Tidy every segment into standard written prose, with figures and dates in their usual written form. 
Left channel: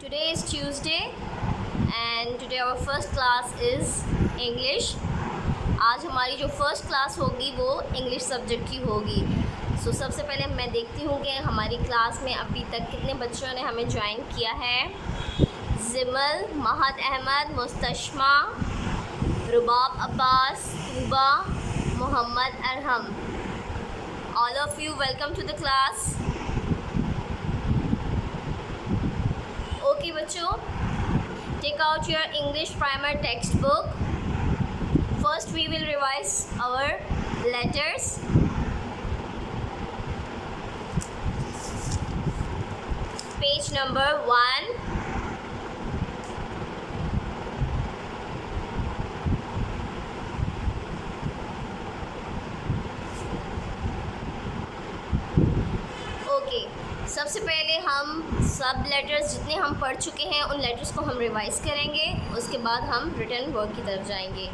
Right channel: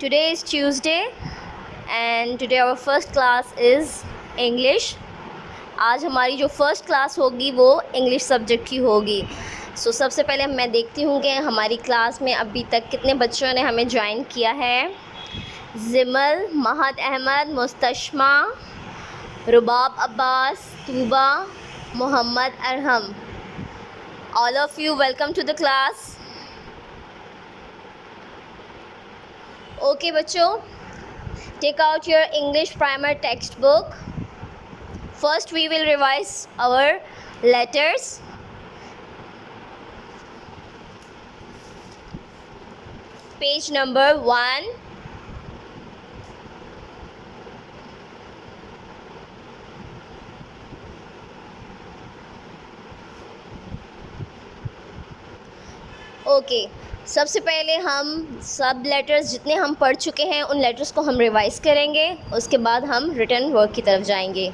Today is Tuesday and today our first class is English. आज हमारी जो first class होगी वो इंग्लिश सब्जेक्ट की होगी. सबसे पहले मैं देखती हूँ कि हमारी क्लास में अभी तक कितने बच्चों ने हमें ज्वाइन किया है. Zimal, Mahad Ahmed, Mustashma, Rubab Abbas, Tuba, Mohammad Arham. All of you welcome to the class. Okay बच्चों, take out your English primer textbook. First we will revise our letters. Page number 1. Okay सबसे पहले हम सब लेटर्स जितने हम पढ़ चुके हैं उन लेटर्स को हम रिवाइज़ करेंगे. उसके बाद हम रिटन वर्क की तरफ जाएंगे.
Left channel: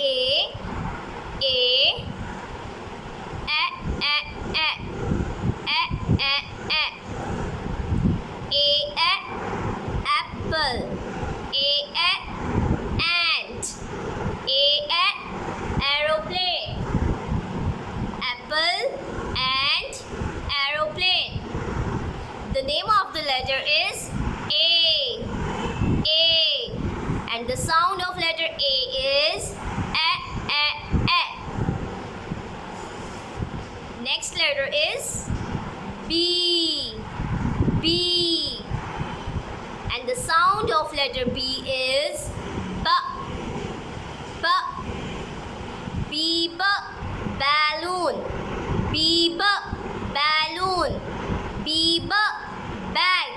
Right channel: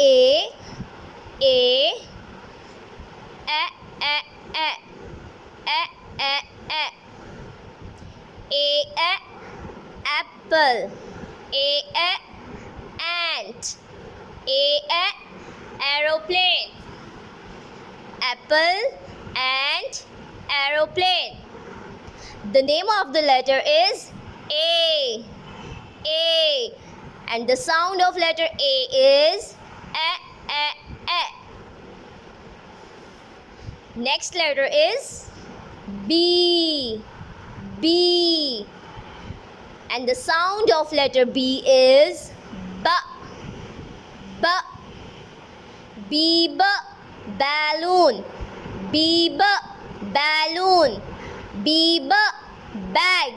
A A apple. A ant. A aeroplane. Apple and aeroplane. The name of the letter is A. A. And the sound of letter A is A. Next letter is B. B. And the sound of letter B is B. B. B. Balloon. B balloon. B bag.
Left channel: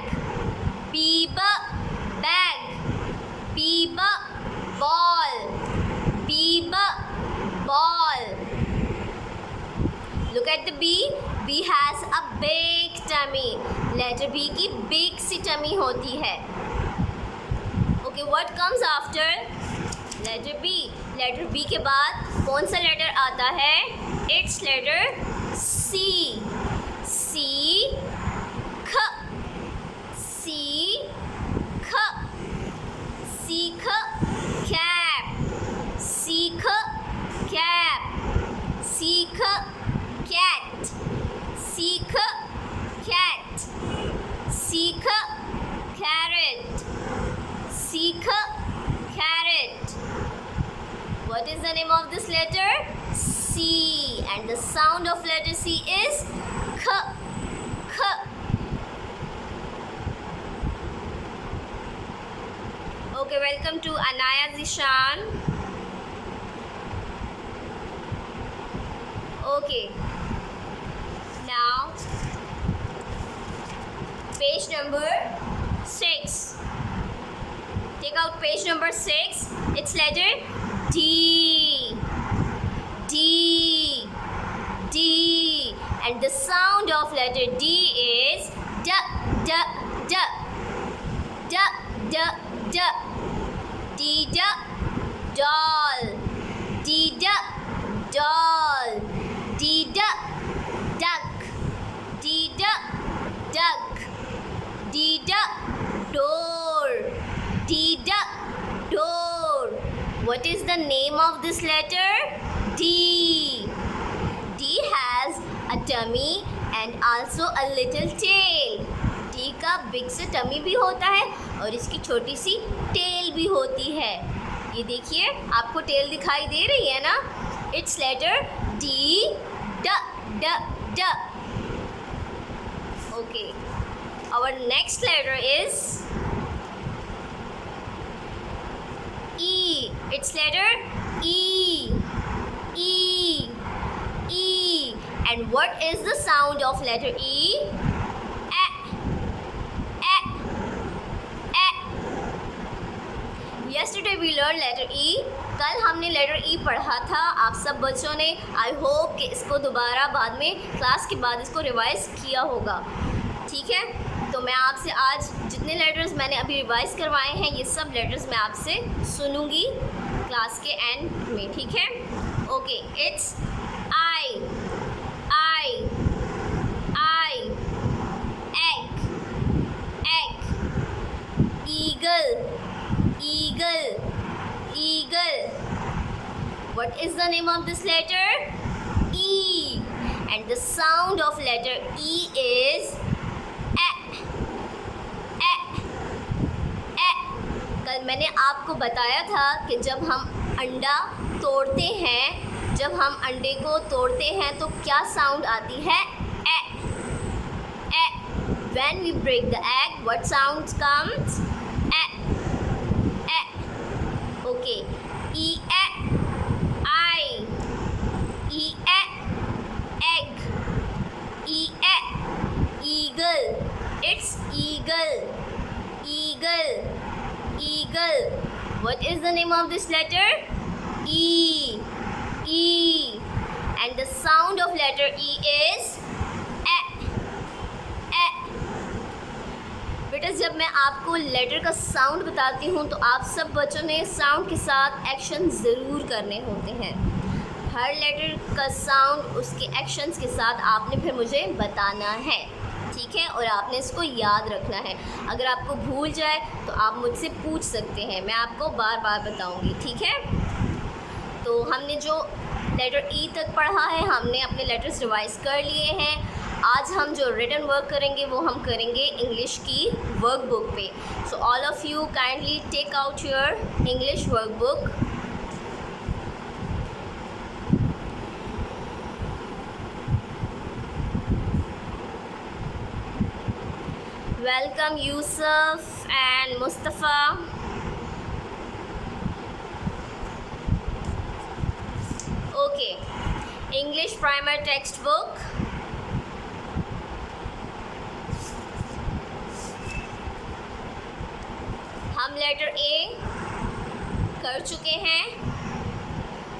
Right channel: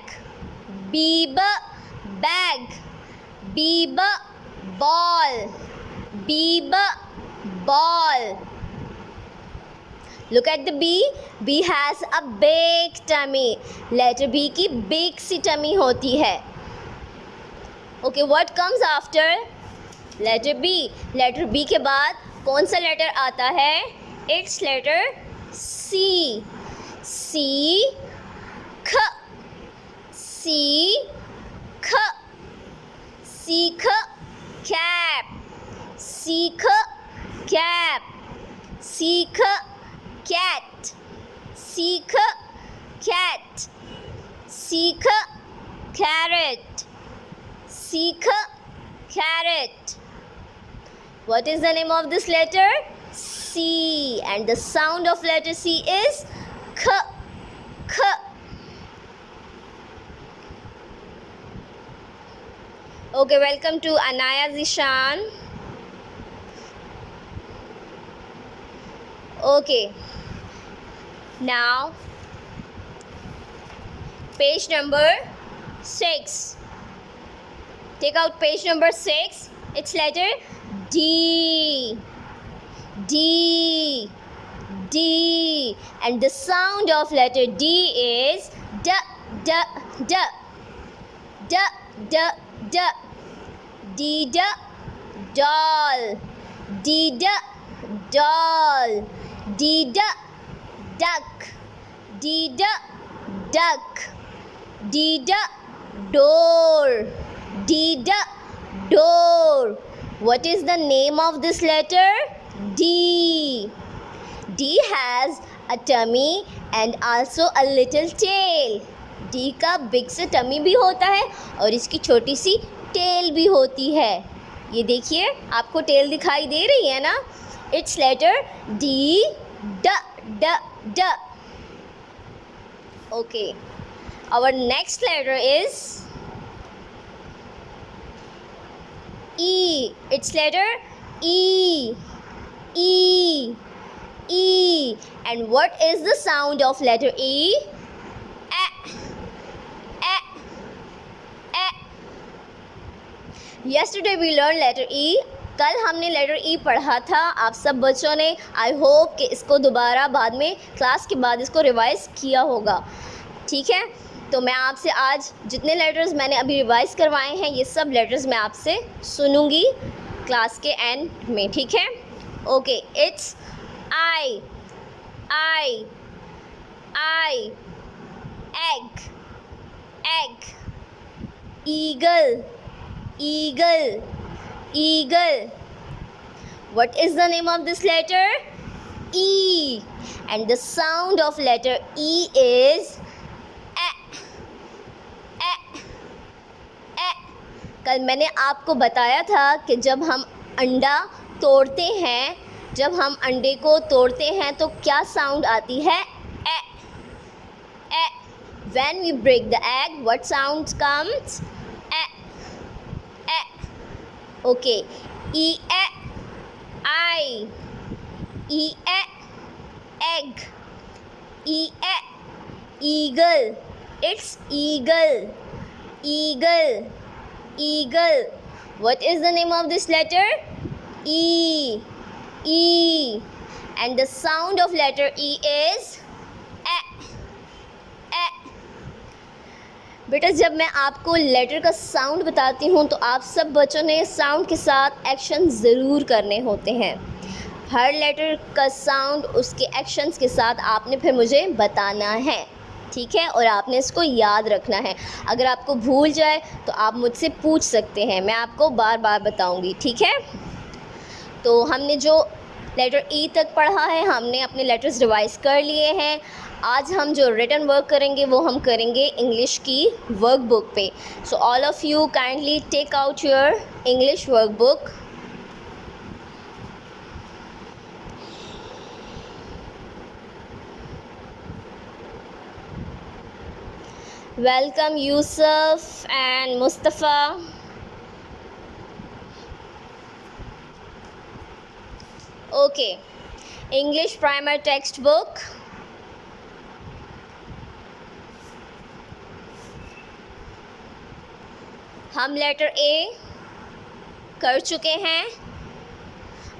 B bag. B ball. B ball. Look at the B. B has a big tummy. Letter B की big सी tummy होती है. Okay, what comes after letter B? Letter B के बाद कौन सा letter आता है? It's letter C. C ख. C ख. सीख cap. सीख cap. सीख cat. सीख cat. सीख carrot. सीख carrot. What is the name of this letter? C. And the sound of letter C is K. K. Okay, welcome to Anaya Zishan. Okay. Now, page number 6. Take out page number 6. It's letter D. D. D. And the sound of letter D is D. D. D. D. D. D. D. D. Doll. D. D. Doll. D. D. Duck. D. D. Duck. D. D. Door. D. D. Door. What is the name of this letter? D. D has a tummy and also a little tail. D का big सा tummy भी होता है और इसकी छोटी सी tail भी होती है. ये देखिए आपको tail दिखाई दे रही है ना? It's letter D. D. D. D. Okay. Our next letter is E. It's letter E. E. E. And what is the sound of letter E? Yesterday we learned letter E. कल हमने letter ई पढ़ा था आप सब बच्चों ने. I hope कि इसको दोबारा बाद में क्लास के बाद इसको रिवाइज़ किया होगा. ठीक है, तो मैं आपसे आज जितने लेटर्स मैंने अभी रिवाइज़ करवाए हैं ये सब लेटर्स मैं आपसे सुनूंगी क्लास के एंड में. ठीक है. Okay. It's I. I. I. egg. eagle, eagle, eagle. What is the name of this letter? E. And the sound of letter E is कल मैंने आपको बताया था कि जब हम अंडा तोड़ते हैं, जब हम अंडे को तोड़ते हैं तो क्या साउंड आती है? ए ए. When we break the egg, what sound comes? A A. Okay. E e I. E e egg. E e eagle. It's eagle. Eagle. Eagle. What is the name of this letter? E. E. And the sound of letter E is ए ए. बेटा जब मैं आपको letter का sound बताती हूँ तो आप सब बच्चों ने साउंड के साथ एक्शन ज़रूर करने होते हैं। हर लेटर का साउंड उसके एक्शंस के साथ आपने फिर मुझे बताना है, ठीक है? और आपने इसको याद रखना है। अगर आपको भूल जाए तो आप मुझसे पूछ सकते हैं, मैं आपको बार बार बताऊंगी, ठीक है? तो हमने जो लेटर ई तक पढ़ा है, हमने अपने लेटर्स रिवाइज कर लिए हैं। आज हम जो रिटन वर्क करेंगे वो हम करेंगे इंग्लिश की वर्कबुक पे। So all of you kindly take out your English workbook. Welcome Yusuf and Mustafa. Okay, English primer textbook. हम लेटर ए कर चुके हैं।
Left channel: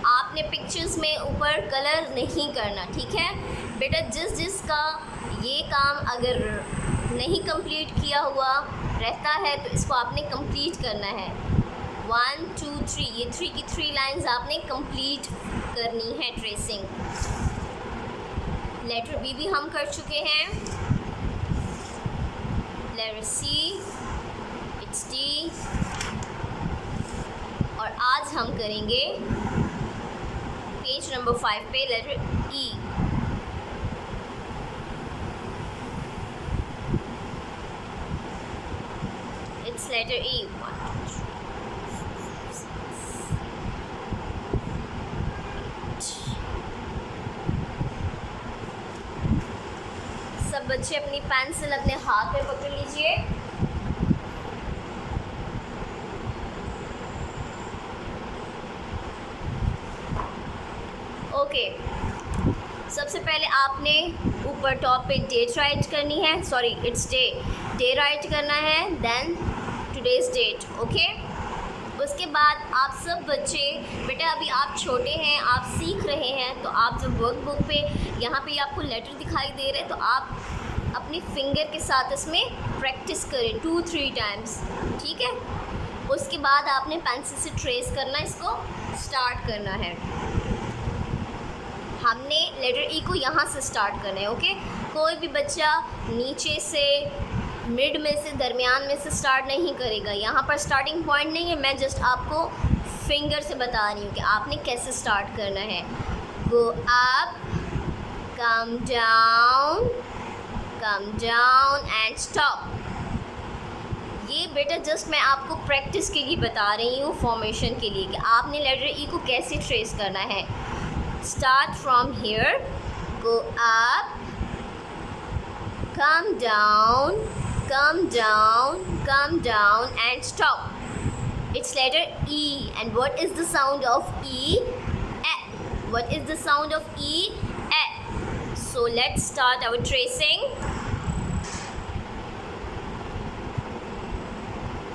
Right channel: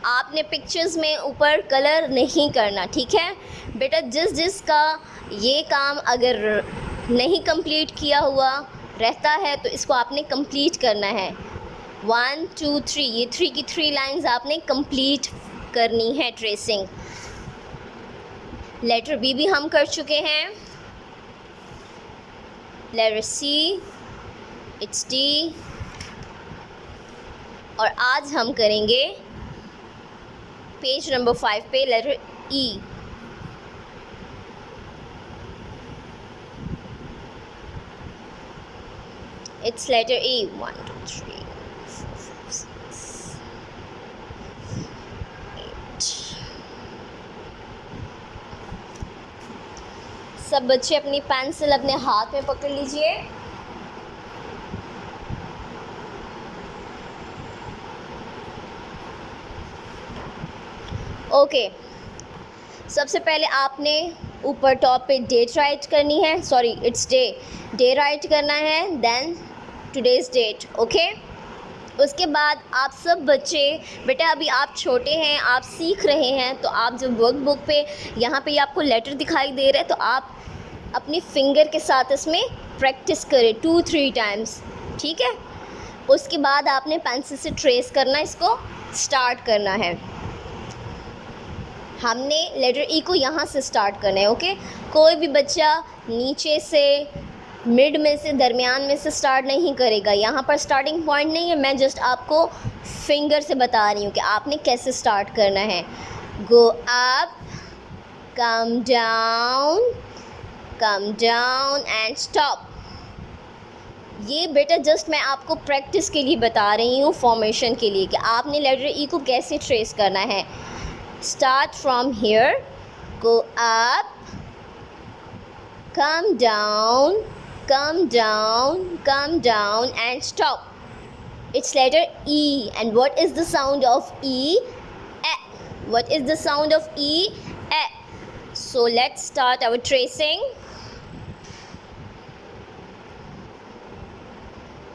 आपने पिक्चर्स में ऊपर कलर नहीं करना, ठीक है बेटा? जिसका ये काम अगर नहीं कंप्लीट किया हुआ रहता है तो इसको आपने कंप्लीट करना है। 1 2 3, ये 3 की 3 लाइंस आपने कंप्लीट करनी है ट्रेसिंग। लेटर बी भी हम कर चुके हैं। Letter C, it's D. और आज हम करेंगे पेज नंबर 5 पे letter E. It's letter E. 1 2 3 4 5 6 8। सब बच्चे अपनी पेंसिल अपने हाथ में पकड़ लीजिए। ओके, सबसे पहले आपने ऊपर टॉप पे डेट राइट करनी है, सॉरी इट्स डे राइट करना है, देन टुडेज़ डेट। ओके, उसके बाद आप सब बच्चे, बेटा अभी आप छोटे हैं, आप सीख रहे हैं, तो आप जब वर्कबुक पे यहाँ पे आपको लेटर दिखाई दे रहे हैं तो आप अपनी फिंगर के साथ इसमें प्रैक्टिस करें 2-3 टाइम्स, ठीक है? उसके बाद आपने पेंसिल से ट्रेस करना, इसको स्टार्ट करना है। हमने लेटर ई को यहाँ से स्टार्ट करना है। ओके, कोई भी बच्चा नीचे से, मिड में से, दरमियान में से स्टार्ट नहीं करेगा। यहाँ पर स्टार्टिंग पॉइंट नहीं है, मैं जस्ट आपको फिंगर से बता रही हूँ कि आपने कैसे स्टार्ट करना है। Go up, come down and stop. ये बेटा जस्ट मैं आपको प्रैक्टिस के लिए बता रही हूँ, फॉर्मेशन के लिए, कि आपने लेटर ई को कैसे ट्रेस करना है। Start from here, go up, come down and stop. It's letter E. And what is the sound of E? E. What is the sound of E? E. So let's start our tracing.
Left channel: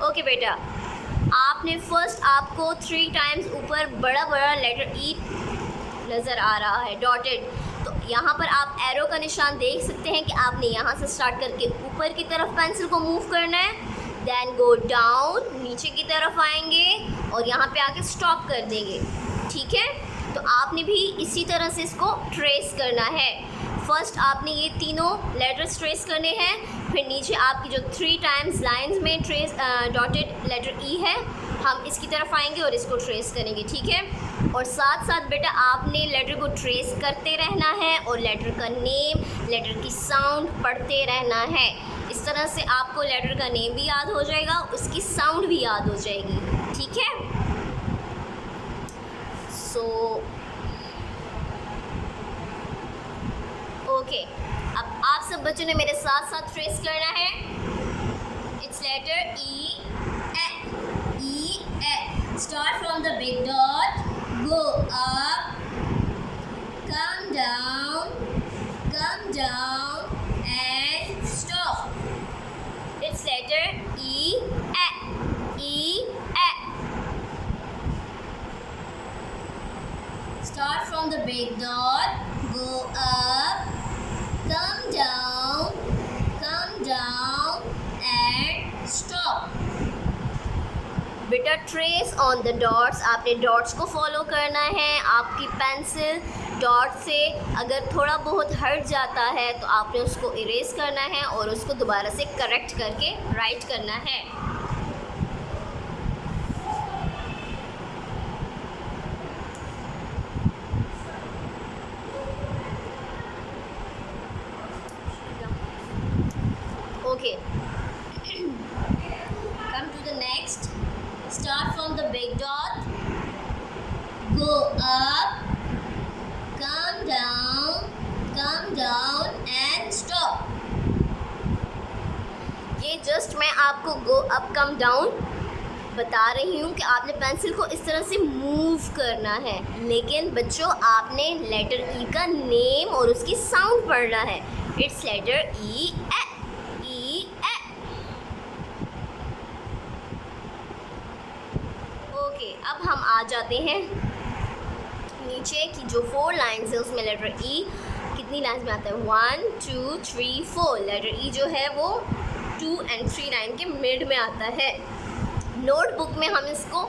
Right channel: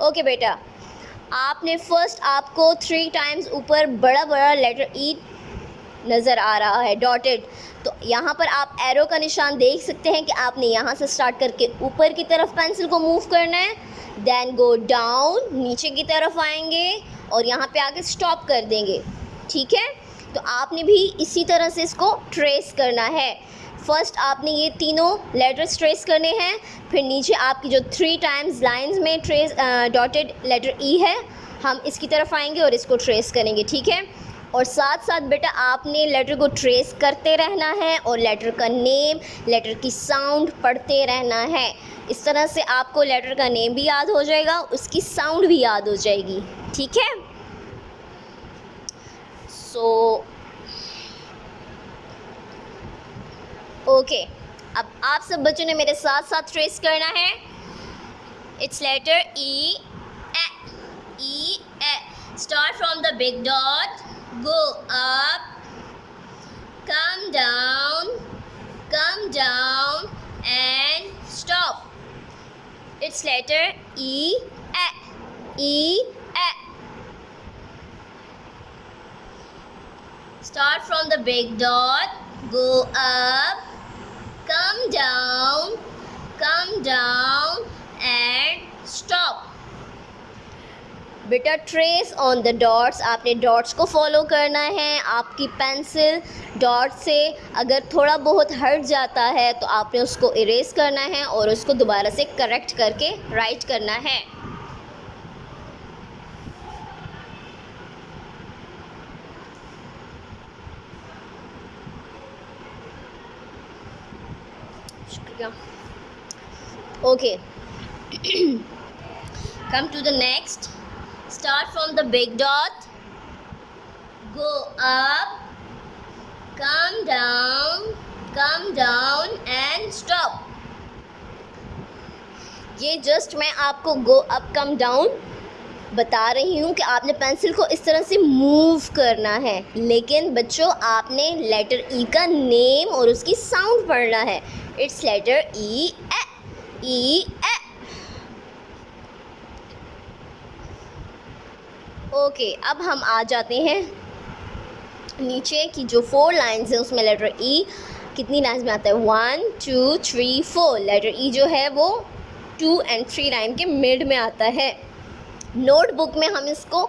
Okay बेटा, आपने first आपको 3 times ऊपर बड़ा letter E नज़र आ रहा है dotted, तो यहाँ पर आप एरो का निशान देख सकते हैं कि आपने यहाँ से स्टार्ट करके ऊपर की तरफ पेंसिल को मूव करना है, देन गो डाउन, नीचे की तरफ आएंगे और यहाँ पे आके स्टॉप कर देंगे, ठीक है? तो आपने भी इसी तरह से इसको ट्रेस करना है। फर्स्ट आपने ये तीनों लेटर्स ट्रेस करने हैं, फिर नीचे आपकी जो 3 टाइम्स लाइंस में ट्रेस डॉटेड लेटर ई है, हम इसकी तरफ आएंगे और इसको ट्रेस करेंगे, ठीक है। और साथ साथ बेटा आपने लेटर को ट्रेस करते रहना है और लेटर का नेम, लेटर की साउंड पढ़ते रहना है। इस तरह से आपको लेटर का नेम भी याद हो जाएगा, उसकी साउंड भी याद हो जाएगी, ठीक है। सो ओके, अब आप सब बच्चों ने मेरे साथ साथ ट्रेस करना है। It's letter E A. Start from the big dot, go up, come down and stop. It's letter E. Start from the big dot, go up, come down and stop. बेटा ट्रेस ऑन द डॉट्स, आपने dots को follow करना है। आपकी pencil dot से अगर थोड़ा बहुत हट जाता है तो आपने उसको इरेज करना है और उसको दोबारा से करेक्ट करके राइट करना है। Okay, come to the next. Start from the big dot, go up, come down and stop. ये जस्ट मैं आपको गो अप कम डाउन बता रही हूँ कि आपने पेंसिल को इस तरह से मूव करना है, लेकिन बच्चों आपने लेटर ई का नेम और उसकी साउंड पढ़ना है। It's letter E A. Okay, अब हम आ जाते हैं नीचे की जो 4 लाइन्स है उसमें लेटर ई कितनी लाइन्स में आता है, 1 2 3 4। लेटर ई जो है वो 2 और 3 लाइन के मिड में आता है। नोटबुक में हम इसको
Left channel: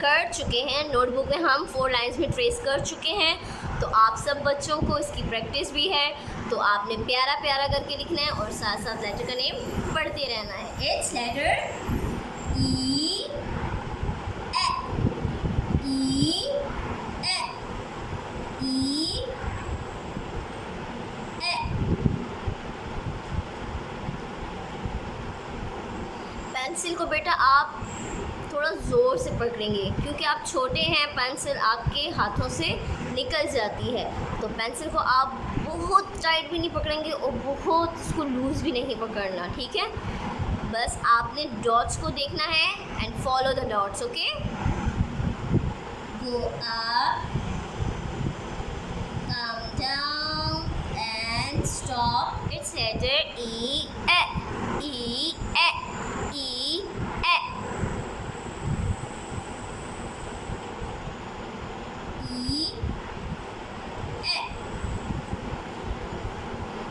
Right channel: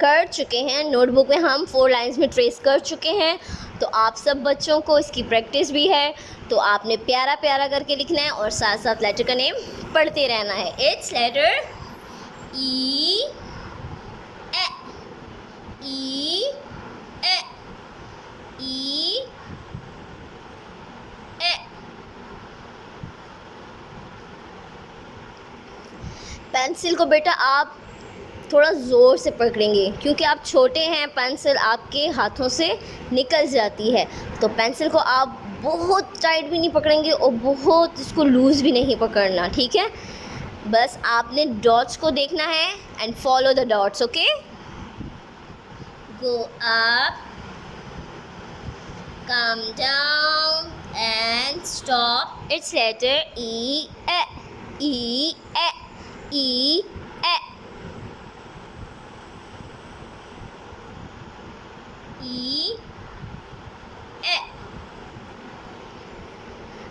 कर चुके हैं, नोटबुक में हम 4 लाइन्स में ट्रेस कर चुके हैं। तो आप सब बच्चों को इसकी प्रैक्टिस भी है, तो आपने प्यारा प्यारा करके लिखना है और साथ साथ लेटर का नेम पढ़ते रहना है। इट्स लेटर ई पेंसिल को बेटा आप थोड़ा ज़ोर से पकड़ेंगे क्योंकि आप छोटे हैं, पेंसिल आपके हाथों से निकल जाती है। तो पेंसिल को आप बहुत टाइट भी नहीं पकड़ेंगे और बहुत उसको लूज़ भी नहीं पकड़ना, ठीक है। बस आपने डॉट्स को देखना है and follow the dots. Okay, go up, come down and stop. It's letter E.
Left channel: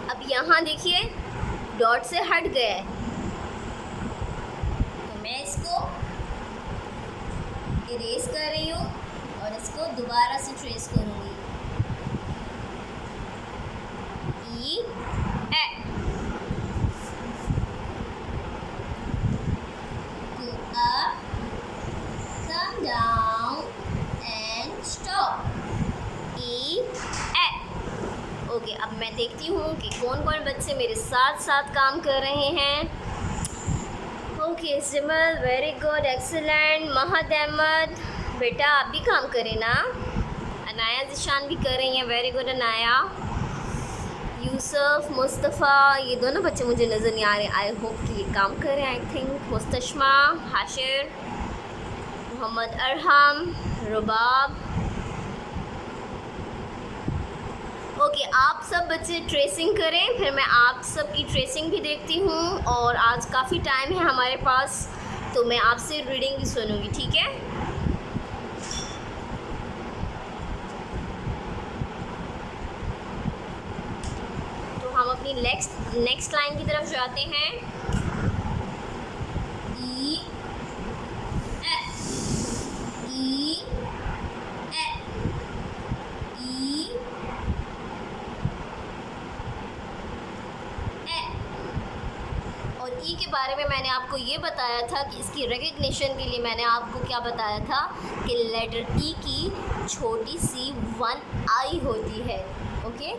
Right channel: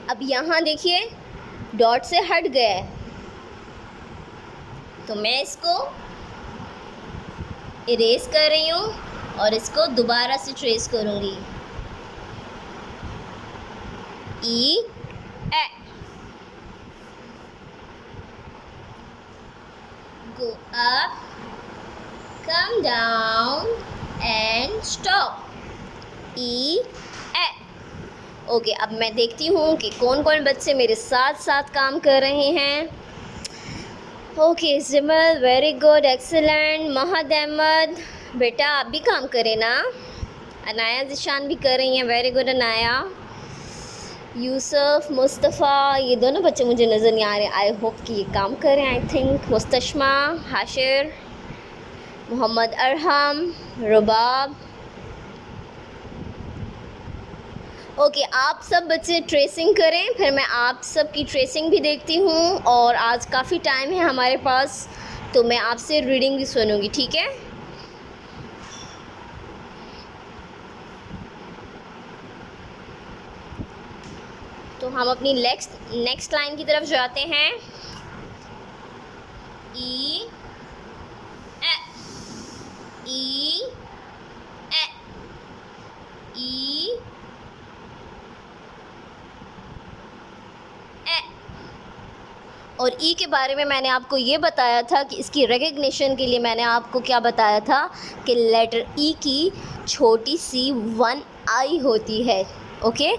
अब यहाँ देखिए डॉट से हट गया है, तो मैं इसको इरेज कर रही हूँ और इसको दोबारा से ट्रेस करूँगी। ई ए। Go up, come down and stop. E A. Okay, अब मैं देखती हूँ कि कौन कौन बच्चे मेरे साथ साथ काम कर रहे हैं। Okay, Zimal very good, excellent. Mahad Ahmed बेटा आप भी काम करें ना। अनाया जिशान भी कर रही हैं, वेरी गुड अनाया। यूसुफ, मुस्तफ़ा, ये दोनों बच्चे मुझे नज़र नहीं आ रहे, आई होप कि ये काम करें। I think Mustashma, Hashir, Mohammad Arham, Rubab. Okay, आप सब बच्चे ट्रेसिंग करें, फिर मैं आप सब की ट्रेसिंग भी देखती हूँ। और आज काफ़ी टाइम है हमारे पास, तो मैं आपसे रीडिंग भी सुनूँगी, ठीक है। तो हम अपनी नेक्स्ट लाइन की तरफ जाते हैं। ई ए, ई ए, ई और ई के बारे में मैंने आपको ये बताया था कि इसकी रिकग्निशन के लिए मैंने आपको क्या बताया था कि लेटर ई की छोटी सी 1 आई होती है। ओके,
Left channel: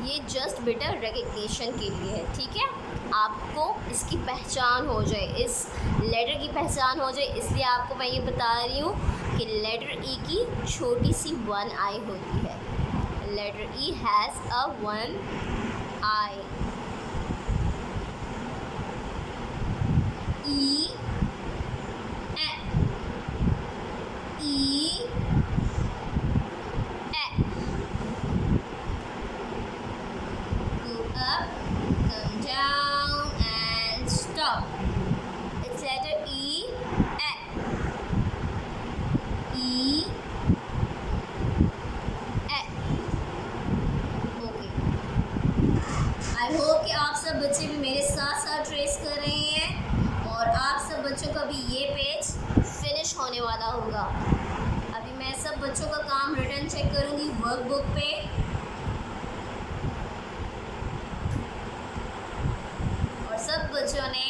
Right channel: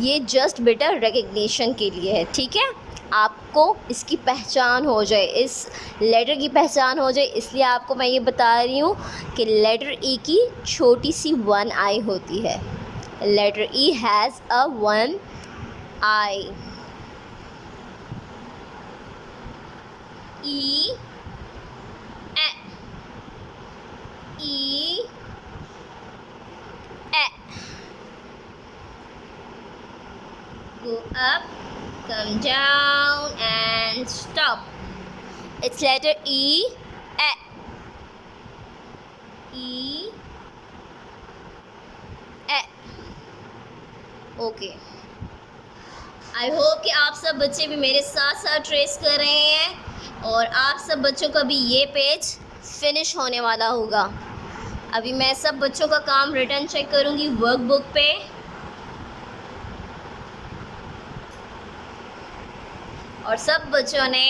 ये जस्ट बेटा रिकग्निशन के लिए है, ठीक है। आपको इसकी पहचान हो जाए, इस लेटर की पहचान हो जाए, इसलिए आपको मैं ये बता रही हूँ कि लेटर ई की छोटी सी 1 आई होती है। Letter E has a 1 eye. E, A, E, A. Go up, come down, and stop. It's letter E, A. E, A. Okay. I hope कि आप सब बच्चे भी मेरे साथ साथ ट्रेस कर रहे हैं और आप सब बच्चों का भी ये पेज फिनिश होने वाला होगा। अभी मैं सब बच्चों का काम रिटर्न चेक करूँगी वर्कबुक पे। और सब बच्चों ने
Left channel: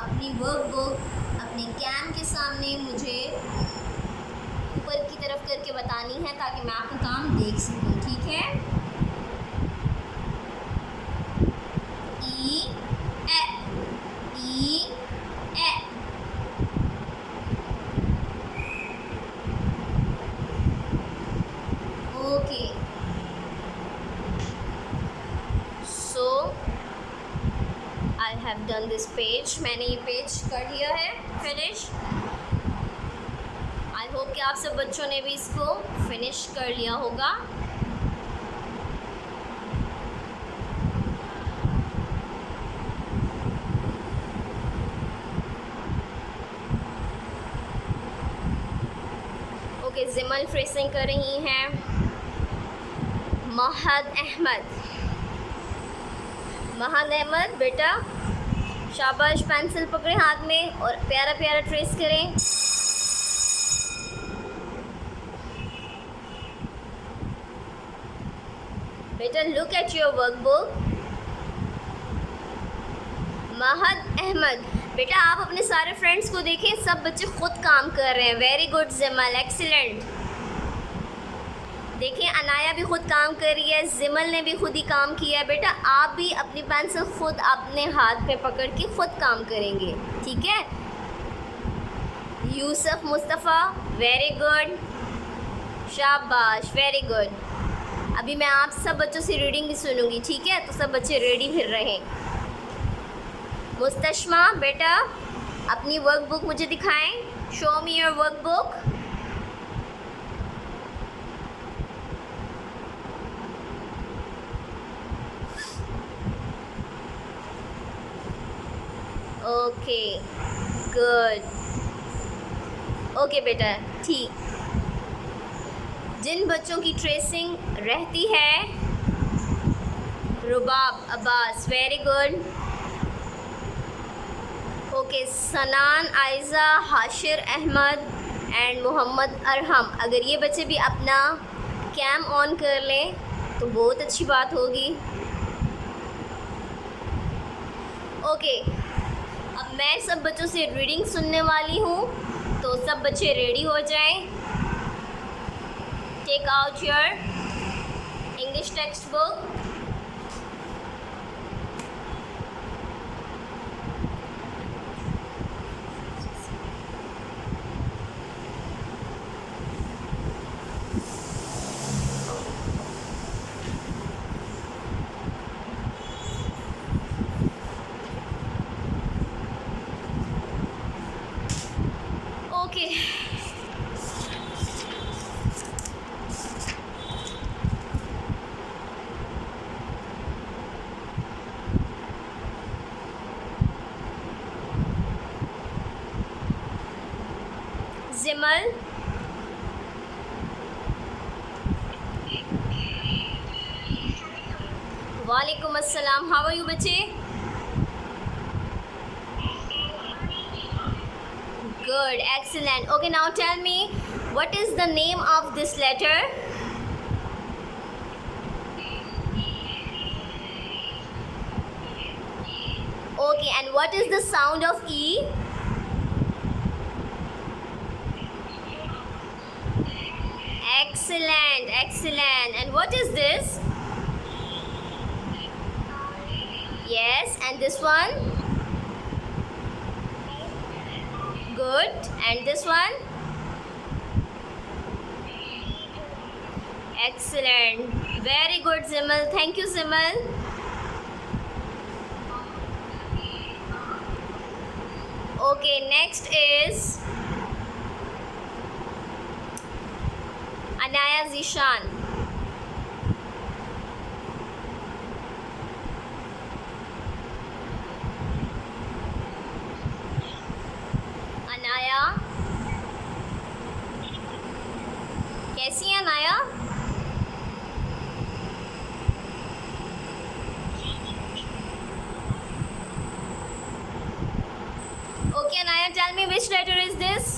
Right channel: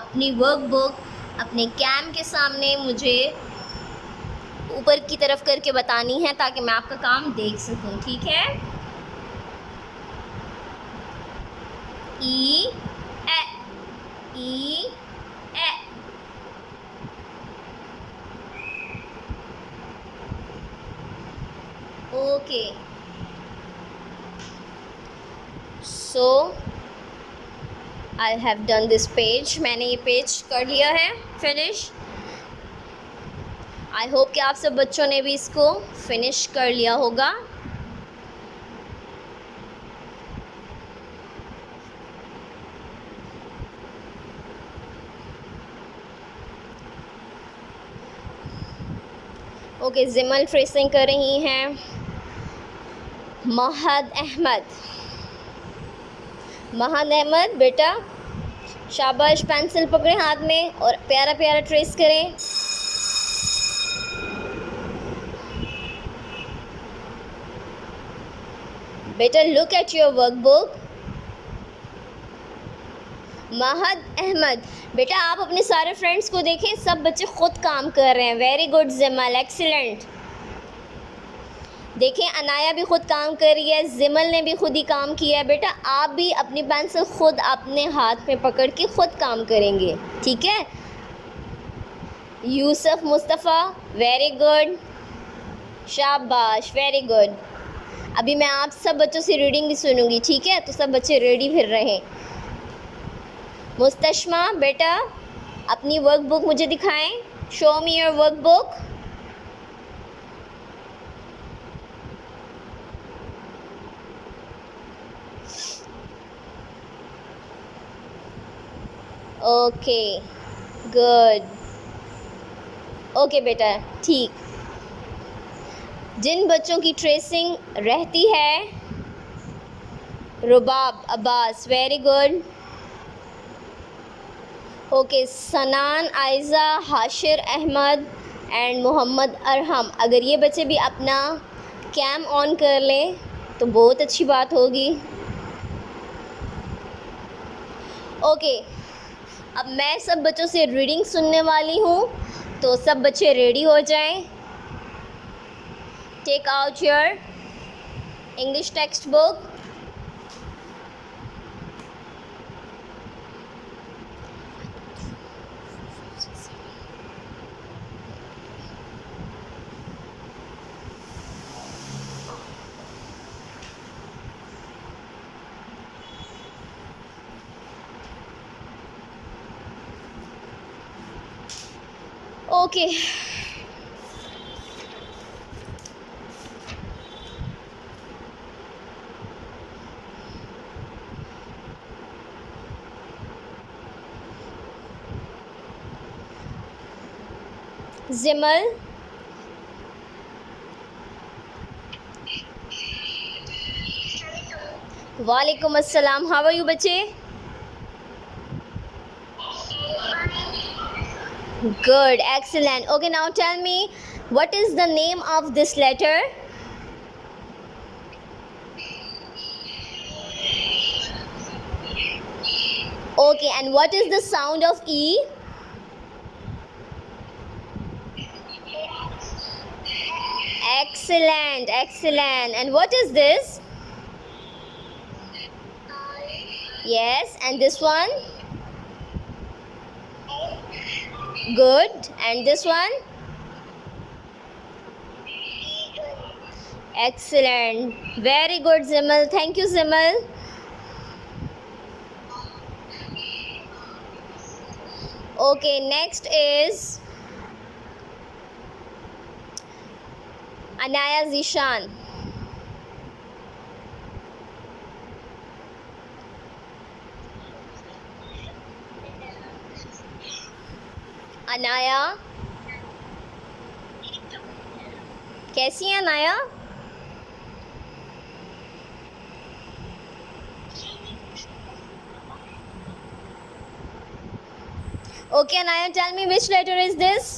अपनी वर्कबुक अपने कैम के सामने मुझे ऊपर की तरफ करके बतानी है ताकि मैं आपका काम देख सकूँ, ठीक है। E, A, E, A. Okay. So I have done this page. मैंने ये पेज कर लिया है फिनिश। आई होप कि आप सब बच्चों ने भी इसको फिनिश कर लिया होगा। ओके, जिमल फ्रेसिंग कर रही हैं। महद अहमद बेटा शाबाश, पेंसिल पकड़े हाथ में और प्यारा प्यारा ट्रेस करें। बेटा look at your workbook. Mahad Ahmed बेटा आप अपने सारे फ्रेंड्स को देखें, सब बच्चे खुद काम कर रहे हैं। Very good Zimal, excellent. देखें अनाया भी खुद काम कर रही है, जिमल ने भी खुद ही काम किया है। बेटा आप भी अपनी पेंसिल खुद अपने हाथ में पकड़ के खुद काम करेंगे, ठीक है। यूसुफ मुस्तफ़ा वेरी गुड, शाबाश, वेरी गुड। अभी मैं आप सब बच्चों से रीडिंग भी सुनूंगी, ठीक है, तो सब बच्चे रेडी फिर रहें। मुस्तशमा बेटा अपनी वर्कबुक मुझे दिखाएं। Show me your workbook. Okay good, okay बेटा ठीक। जिन बच्चों की ट्रेसिंग रहती है, रुबाब अब्बास वेरी गुड। ओके, सनान आयज़ा, हाशिर अहमद एंड मोहम्मद अरहम, अगर ये बच्चे भी अपना कैम ऑन कर लें तो बहुत अच्छी बात होगी। ओके, अब मैं सब बच्चों से रीडिंग सुनने वाली हूँ, तो सब बच्चे रेडी हो जाएं। Take out your English textbook. Okay, Zimal वालेकुम अस्सलाम, हाउ आर यू बच्चे? Good, excellent. Okay, now tell me, what is the name of this letter? Okay, and what is the sound of E? Excellent, excellent. And what is this? Yes, and this one? Good. And this one? Excellent. Very good, Zimal. Thank you, Zimal. Okay, next is Anaya Zishan. Anaya, कैसी है Anaya? Okay, Anaya, tell me which letter is this?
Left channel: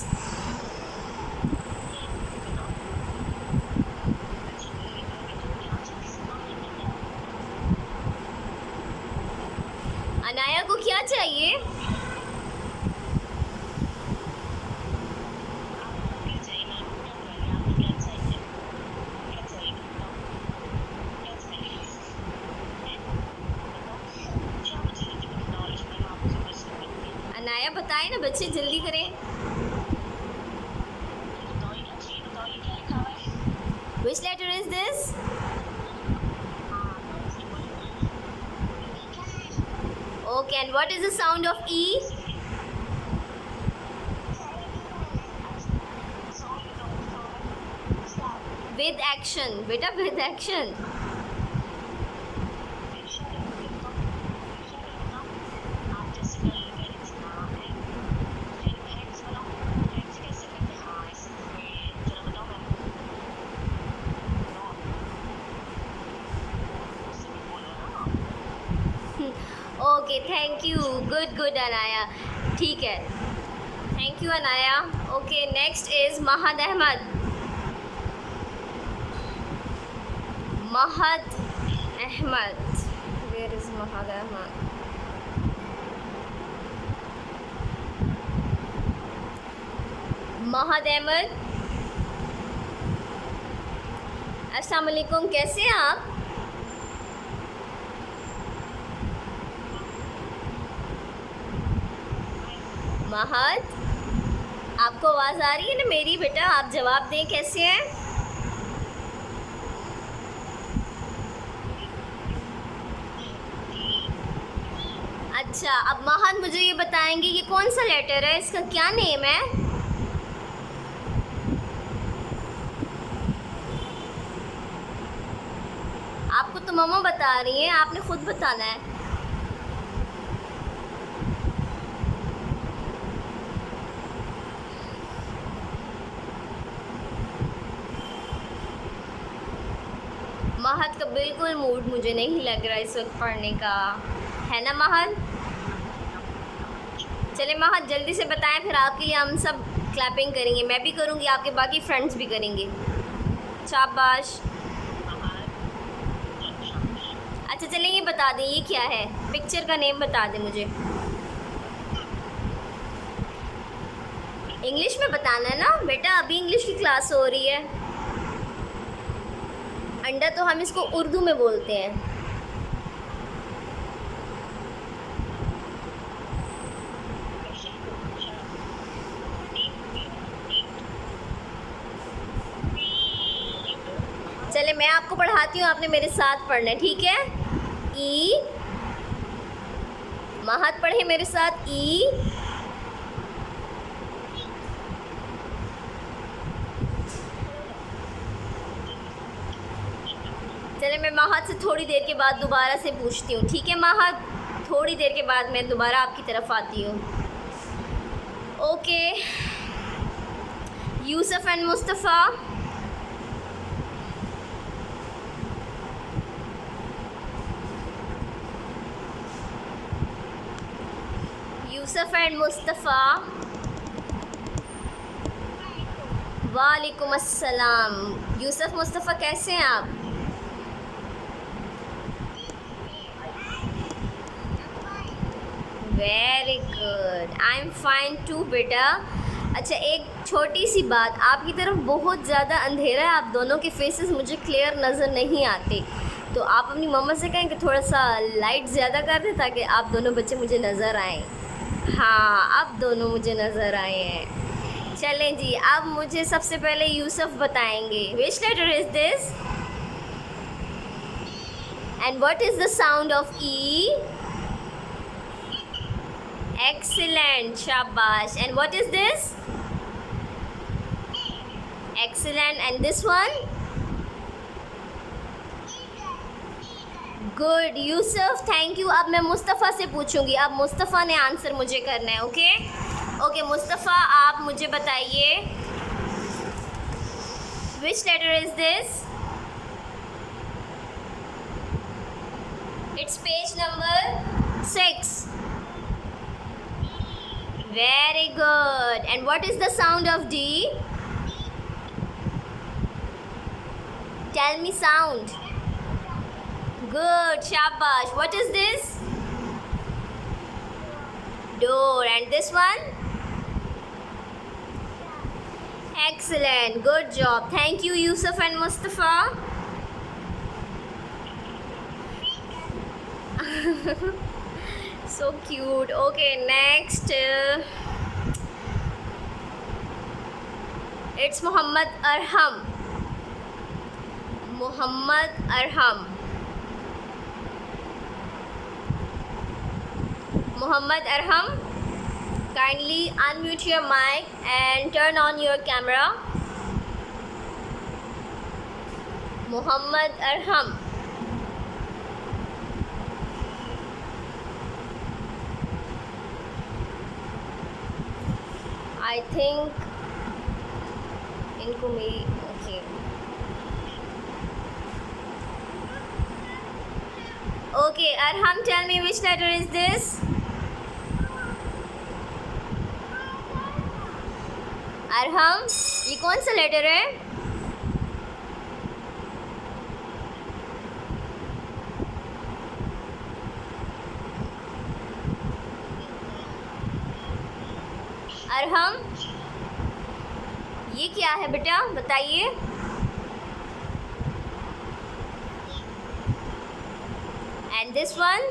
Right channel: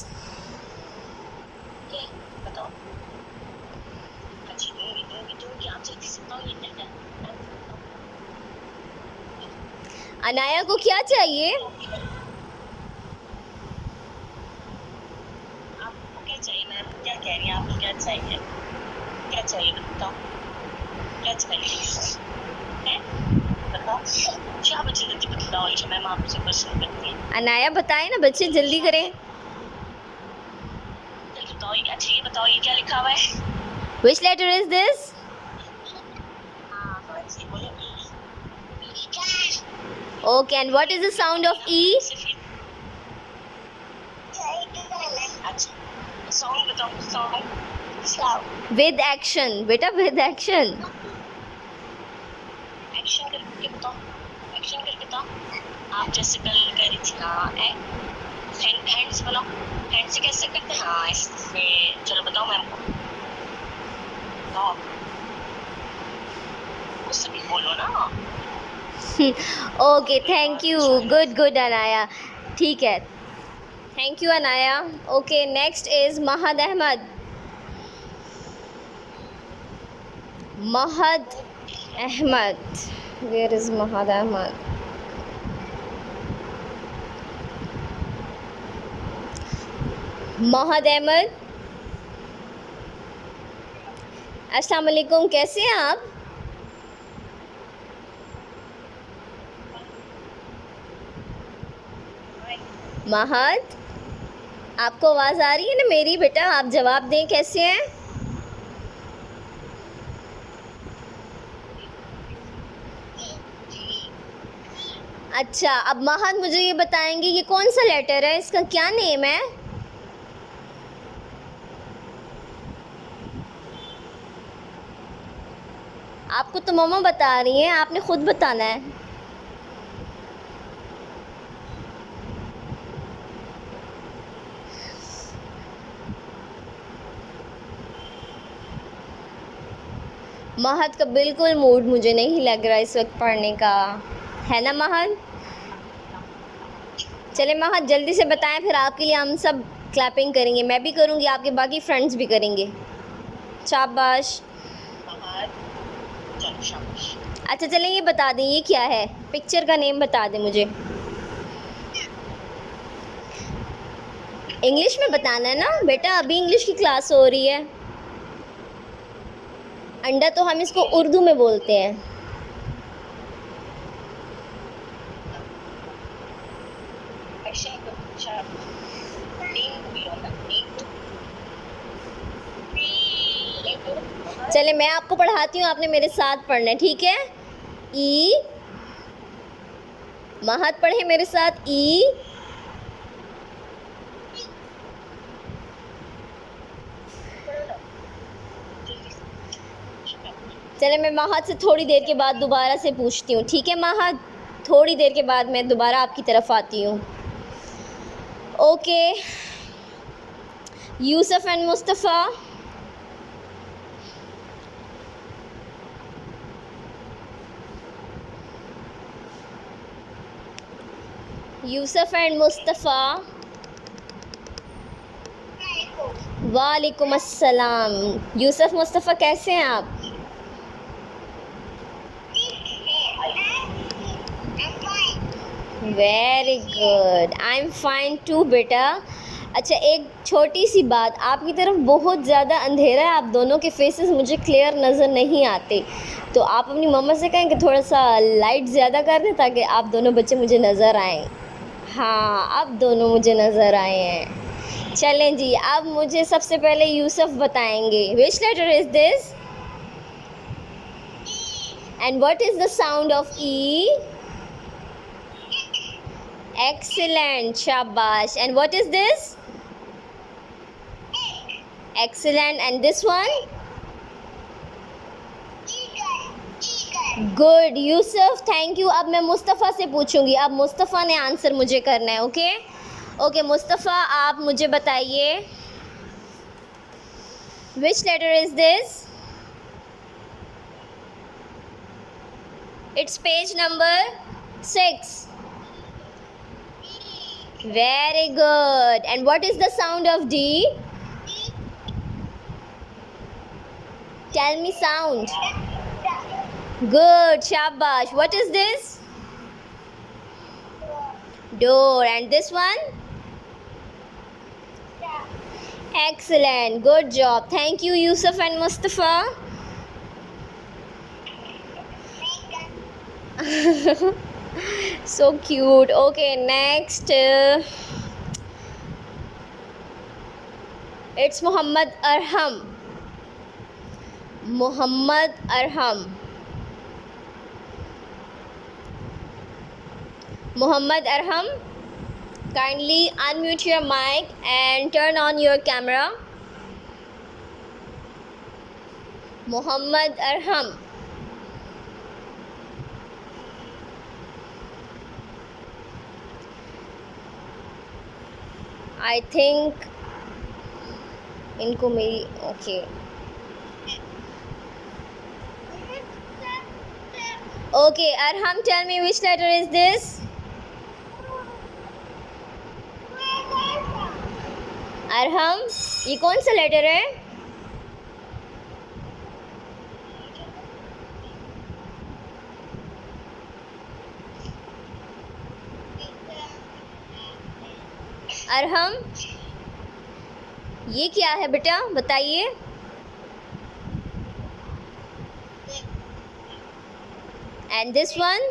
Anaya को क्या चाहिए? क्या चाहिए ma'am? क्या कह रही हैं आप? क्या चाहिए? क्या चाहिए बताओ? क्या चाहिए? हैं? बताओ। क्या बच्चे जल्दी बताओ, ये मैम आपसे क्वेश्चन करती है। अनाया बताए ना बच्चे, जल्दी करें। बताओ ये क्या चाहिए? बताओ ये क्या लिखा हुआ है? Which letter is this? Okay, and what is the sound of E? Song बताओ, सॉन्ग। With action, बेटा with action. एक्शन करके बताओ, एक्शन करके बताओ। आप जैसे कल कह रही थी हाँ, हैंड से बनाओ, हैंड से कैसे करते हैं? हाँ इसमें चलो बताओ मैम को। बताओ, उससे भी बोलो ना। Okay, thank you. Good, good, Anaya. ठीक है. Thank you, Anaya. Okay, next is Mahad Ahmad. Mahad Ahmad. Where is Mahad Ahmad? Mahad Ahmad. अस्सलाम वालेकुम, कैसे हैं आप? महद, आपको आवाज़ आ रही है ना मेरी? बेटा आप जवाब दें, कैसे हैं? अच्छा, अब महद मुझे ये बताएंगे ये कौन सा लेटर है, इसका क्या नेम है? आपको तो मम्मा बता रही हैं, आपने खुद बताना है। महद का बिल्कुल मूड मुझे नहीं लग रहा इस वक्त पढ़ने का, है ना महद? चले महद जल्दी से बताएं, फिर आपके लिए हम सब क्लैपिंग करेंगे, मैं भी करूँगी, आपके बाकी फ्रेंड्स भी करेंगे। शाबाश। अच्छा चलें, ये बता दें ये क्या है, पिक्चर का नेम बता दें मुझे। इंग्लिश में बताना है ना बेटा, अभी इंग्लिश की क्लास हो रही है। अंडा तो हम इसको उर्दू में बोलते हैं। चले मैं आपको पढ़ाती हूँ, आपने मेरे साथ पढ़ना है, ठीक है? ई, महद पढ़े मेरे साथ। ई, चले मैं महद से थोड़ी देर के बाद दोबारा से पूछती हूँ, ठीक है महद? थोड़ी देर के बाद मैं दोबारा आपकी तरफ आती हूँ। Okay, Yusuf and Mustafa. Yusuf and Mustafa. वालेकुम अस्सलाम। यूसुफ मुस्तफ़ा कैसे हैं आप? Very good, I am fine too बेटा। अच्छा, एक छोटी सी बात, आपकी तरफ बहुत ज़्यादा अंधेरा है, आप दोनों के फेसेस मुझे क्लियर नज़र नहीं आते, तो आप अपनी मम्मा से कहें कि थोड़ा सा लाइट ज़्यादा कर दें ताकि आप दोनों बच्चे मुझे नज़र आएँ। हाँ, अब दोनों मुझे नज़र आए हैं। चलें जी, अब मुझे सबसे पहले यूसुफ बताएंगे, which letter is this and what is the sound of E? Excellent, shabash. And what is this? Excellent. And this one? Good Yusuf, thank you. अब मैं मुस्तफ़ा से पूछूंगी, अब मुस्तफ़ा ने आंसर मुझे करना है। ओके ओके मुस्तफ़ा, आप मुझे बताइए, which letter is this? It's page number 6। Very good. And what is the sound of D? Tell me sound. Good, shabash. What is this? Door. And this one? Excellent. Good job. Thank you, Yusuf and Mustafa. So cute. Okay, next. It's Muhammad Arham. Muhammad Arham. Muhammad Arham, kindly unmute your mic and turn on your camera. Muhammad Arham. I think इनको मेरी okay okay Arham, tell me which letter is this? Arham, ये कौन सा letter है? Arham, ये क्या है बेटा, बताइए। And this one?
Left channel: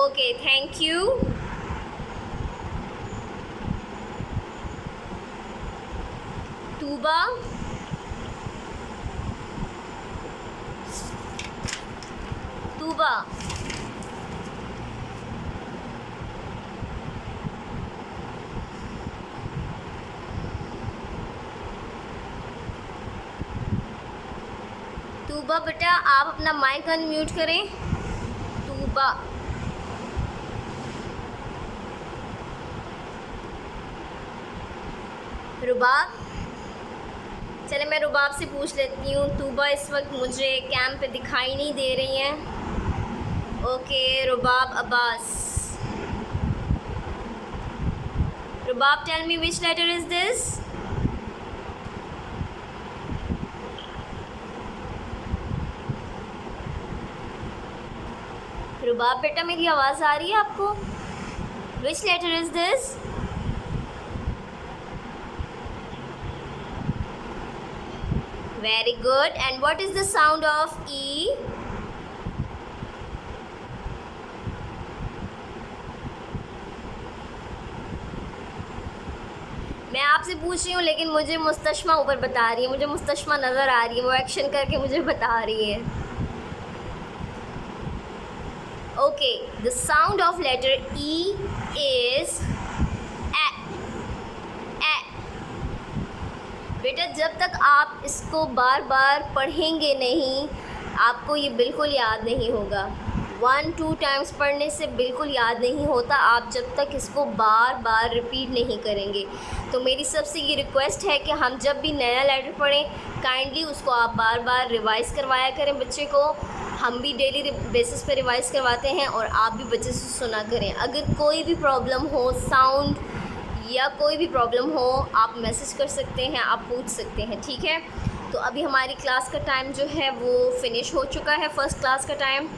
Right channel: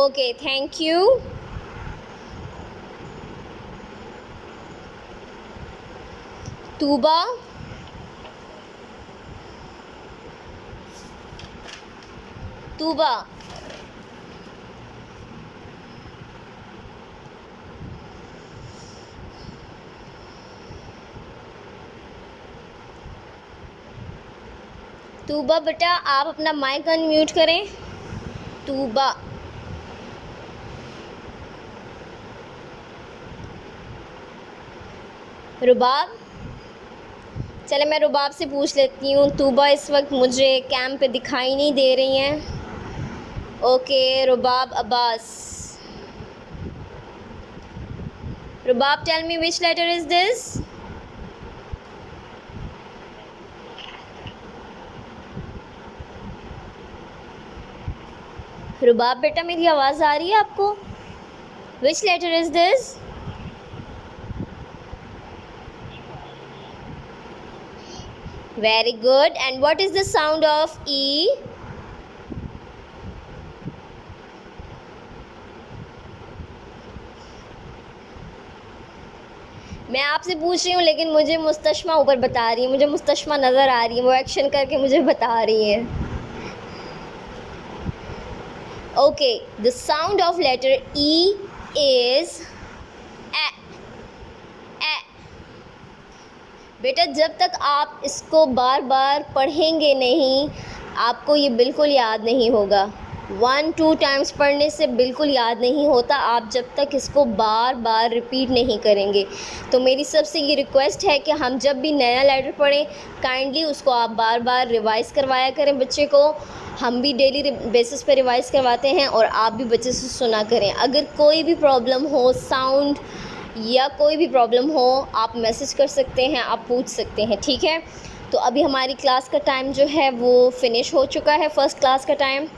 Okay, thank you. Tuba. Tuba. Tuba बेटा, आप अपना माइक अनम्यूट करें। तूबा, रुबाब, चले मैं रुबाब से पूछ लेती हूँ। तूबा इस वक्त मुझे कैंप पे दिखाई नहीं दे रही हैं। Okay, Rubab Abbas. Rubab, tell me which letter is this? Rubab बेटा, मेरी आवाज़ आ रही है आपको? Which letter is this? Very good. And what is the sound of E? मैं आपसे पूछ रही हूँ लेकिन मुझे मुस्तशमा ऊपर बता रही है, मुझे मुस्तशमा नज़र आ रही है, वो एक्शन करके मुझे बता रही है। Okay, the sound of letter E is A. बेटा, जब तक आप इसको बार बार पढ़ेंगे नहीं, आपको ये बिल्कुल याद नहीं होगा। 1-2 टाइम्स पढ़ने से बिल्कुल याद नहीं होता, आप जब तक इसको बार बार रिपीट नहीं करेंगे। तो मेरी सबसे ये रिक्वेस्ट है कि हम जब भी नया लेटर पढ़ें, काइंडली उसको आप बार बार रिवाइज़ करवाया करें बच्चे को। हम भी डेली बेसिस पे रिवाइज़ करवाते हैं और आप भी बच्चे से सुना करें। अगर कोई भी प्रॉब्लम हो, साउंड या कोई भी प्रॉब्लम हो, आप मैसेज कर सकते हैं, आप पूछ सकते हैं, ठीक है। तो अभी हमारी क्लास का टाइम जो है वो फ़िनिश हो चुका है, फ़र्स्ट क्लास का टाइम।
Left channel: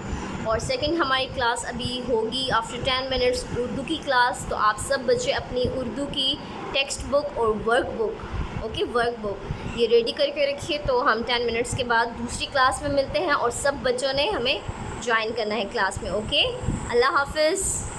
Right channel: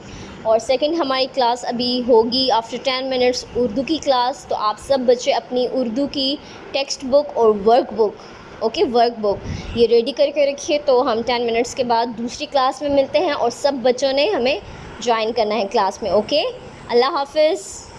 और सेकंड हमारी क्लास अभी होगी आफ्टर 10 मिनट्स, उर्दू की क्लास। तो आप सब बच्चे अपनी उर्दू की टेक्स्ट बुक और work book, okay, work book ये रेडी करके रखिए। तो हम 10 मिनट्स के बाद दूसरी क्लास में मिलते हैं और सब बच्चों ने हमें ज्वाइन करना है क्लास में, ओके। अल्लाह हाफ़िज़।